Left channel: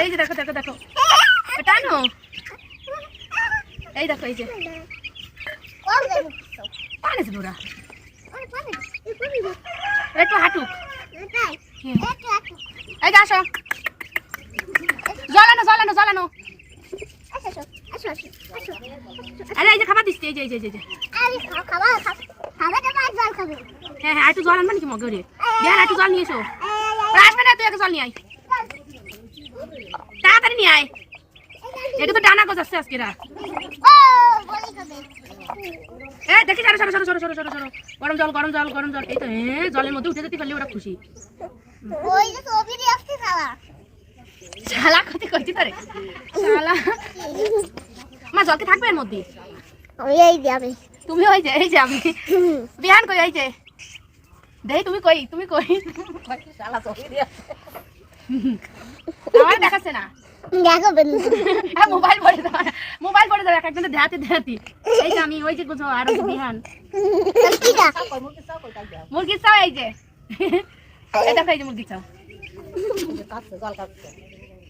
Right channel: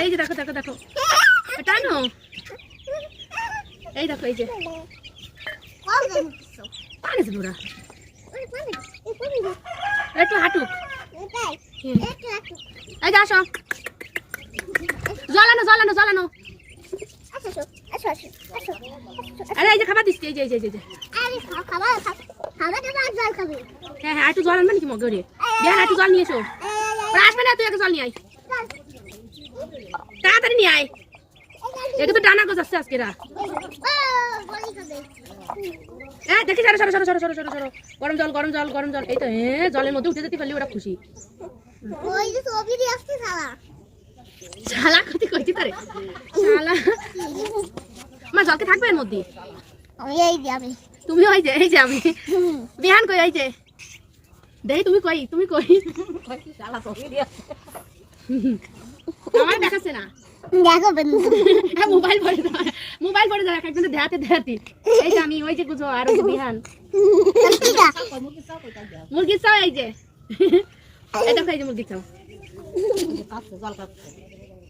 এই যে দেখো দেখো দেখো টানো এই দেখো এই যে পানি আছে পুরা একটু হাঁটুক এই যে আসো জ্বালানো জ্বালানো জ্বালানো আরে এই যে খাবার দিচ্ছি এই যে এই যে এই যে হ্যাঁ হ্যাঁ একটু জল আনবে নাকি মগে রে দেখ একটু জল নিয়ে এসো আসবে না তুই একটা জল নিয়ে আয় তাড়াতাড়ি নিয়ে আয় একে তো ডানা গজাচ্ছে আজকে রা হ্যাঁ দেখি সরো সরো সরো সরো সরো সরো সরো গরম জল গরম জল গরম জল এই তো হ্যাঁ জলের মধ্যে উঠে যেতে পারলে ওরা খুশি শালা ক্ষতি করছি তারে শালা মা জলকে থাকবে এর মধ্যে তুমি ওই যে এই যে আমি বিহান কই এই যে দেই তুমি কই আমার দেখাচ্ছে না মোবাইল পড়ে যাবে একজন দেখাতে দেখাতি এই যে আমি ওই যে বুঝো আর বিহান মুরগির চাও এই যে এটা খাই যে মুরগির চাও